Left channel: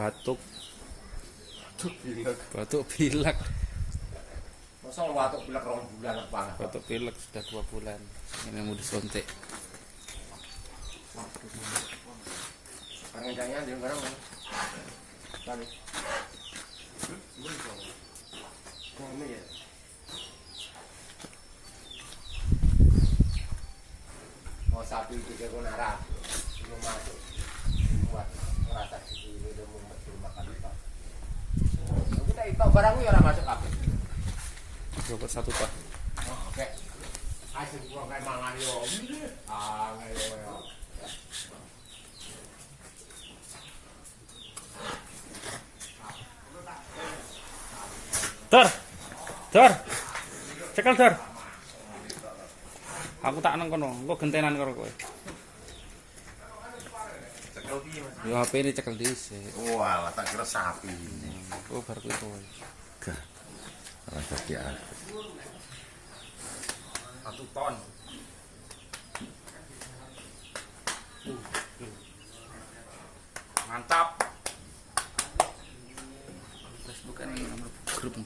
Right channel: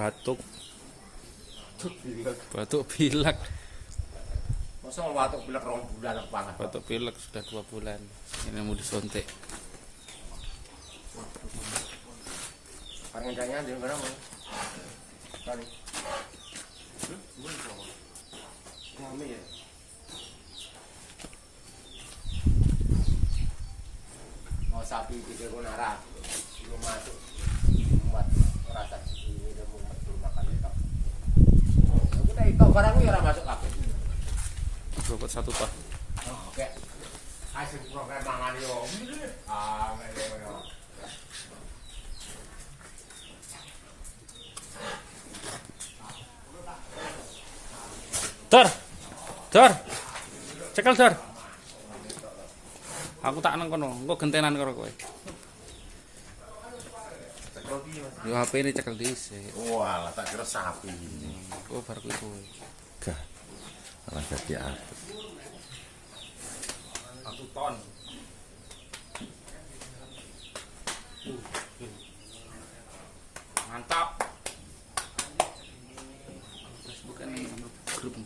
batuk. Pilek. Batuk pilek. Masa batuk pilek 2 bulan banget. Batuk pilek sudah 2 bulan. Ini mau disuntik. Pangidanya di mana? Tadi. Kami ya. Mau sapi 3 gunara. Belum masuk. Buat merasa itu udah mau makan itu. Kita itu barangnya ya masuk apa? Dapat 1 pak. Oke. Asik program mangan yo. Ah, ayo. Dor. Cekel Dor. Aku tak nang kono, engko gentenan karo kowe. Yo HP ini cekel dhisik. Wah, tak kira sapi. Oh, bar kuwi kowe. Gah. Ora jadi aku. 1 ton. Mantap. Terus bukan grup.